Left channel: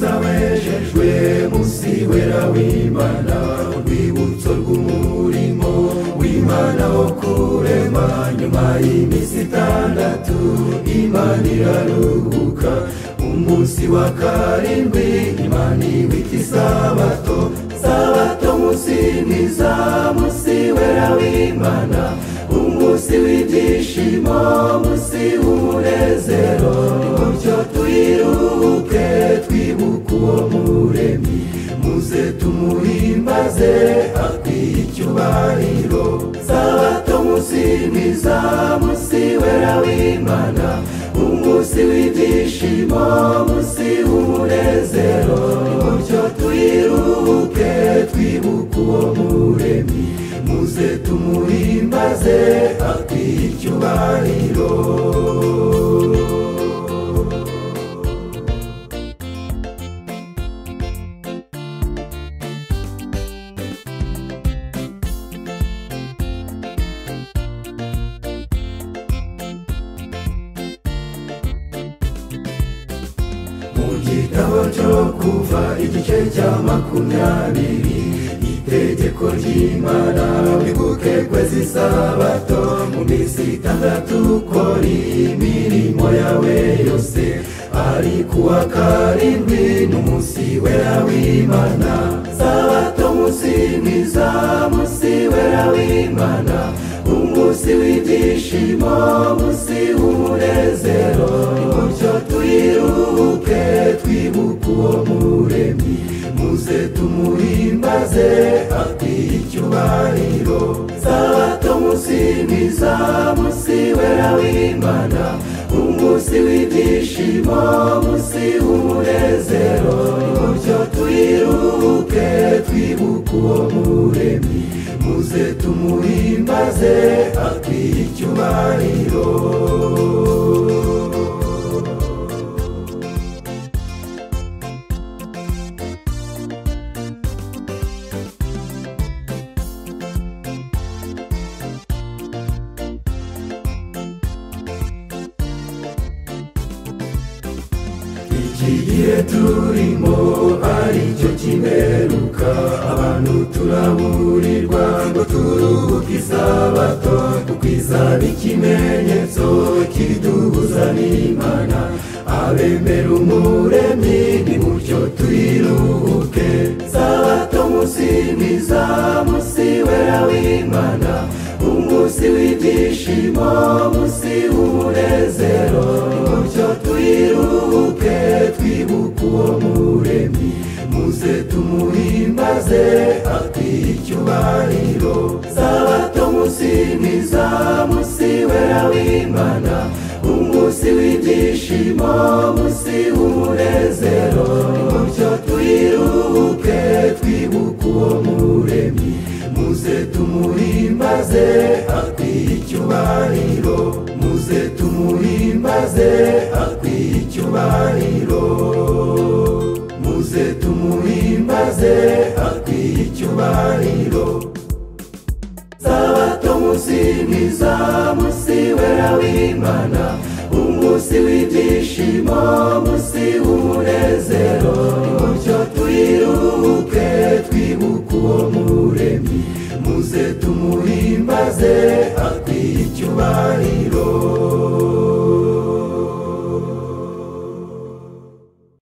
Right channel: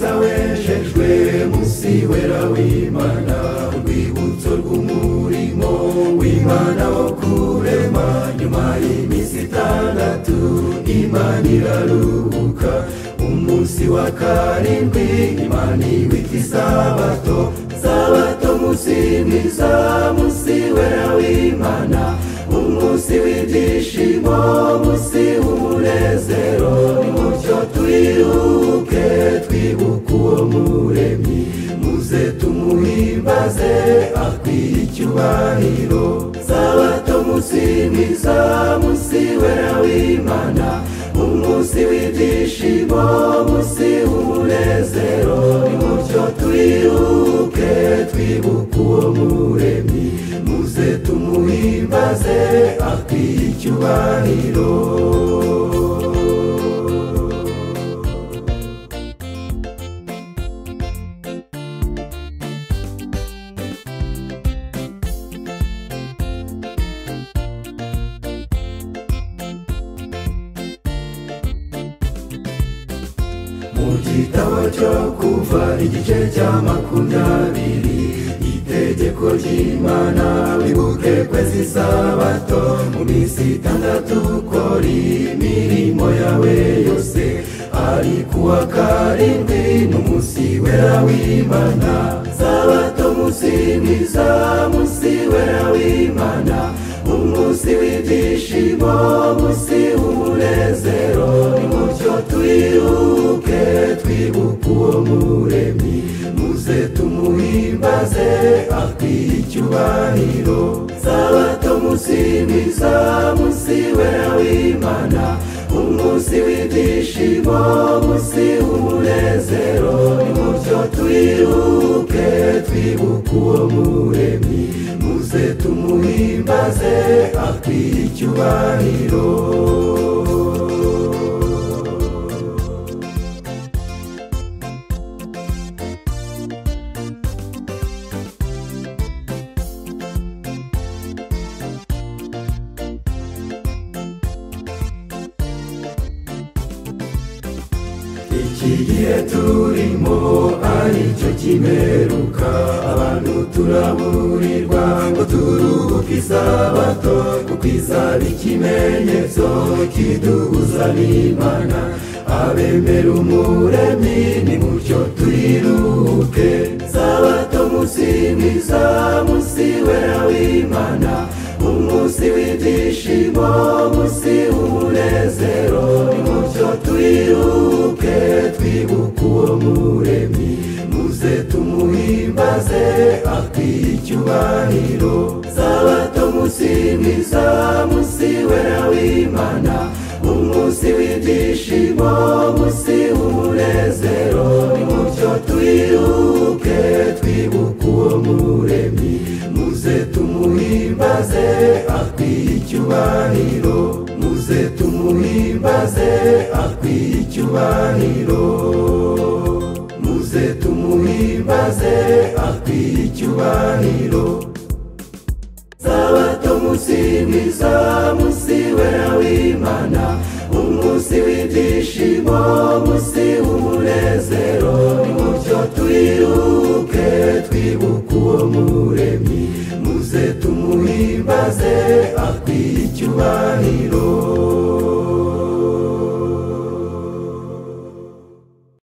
mwiza wejejwe musi wera w'Imana urwibutso rw'umurimo w'Imana wo kurema nyuma y'iminsi itandatu Imana iraruhuka umunsi wa karindwi Imana iwita isabato sabato musi mwiza musi wera w'Imana umunsi w'ibyishimo musi w'umunezero nimucyo twiruke twibuka uwo muremyi muze tumuhimbaze akwiye icyubahiro sabato musi mwiza musi wera w'Imana umunsi w'ibyishimo musi w'umunezero nimucyo twiruke twibuka uwo muremyi muze tumuhimbaze akwiye icyubahiro igitabo cyo kuva igice cya 20 itegeko ry'Imana bibuke kweza isabato mu minsi itandatu ukora imirimo yawe yose ariko uwa karindwi n'umunsi wera w'Imana sabato musi mwiza musi wera w'Imana umunsi w'ibyishimo musi w'umunezero nimucyo twiruke twibuka uwo muremyi muze tumuhimbaze akwiye icyubahiro sabato musi mwiza musi wera w'Imana umunsi w'ibyishimo musi w'umunezero nimucyo twiruke twibuka uwo muremyi muze tumuhimbaze akwiye icyubahiro igihe turimo aricyo kiberuka abantu turahurirwa ngo turuhuke isabato kuko izaba ikimenyetso kiduhuza n'Imana abemera umuremyi nimucyo twiruke sabato musi mwiza musi wera w'Imana umunsi w'ibyishimo musi w'umunezero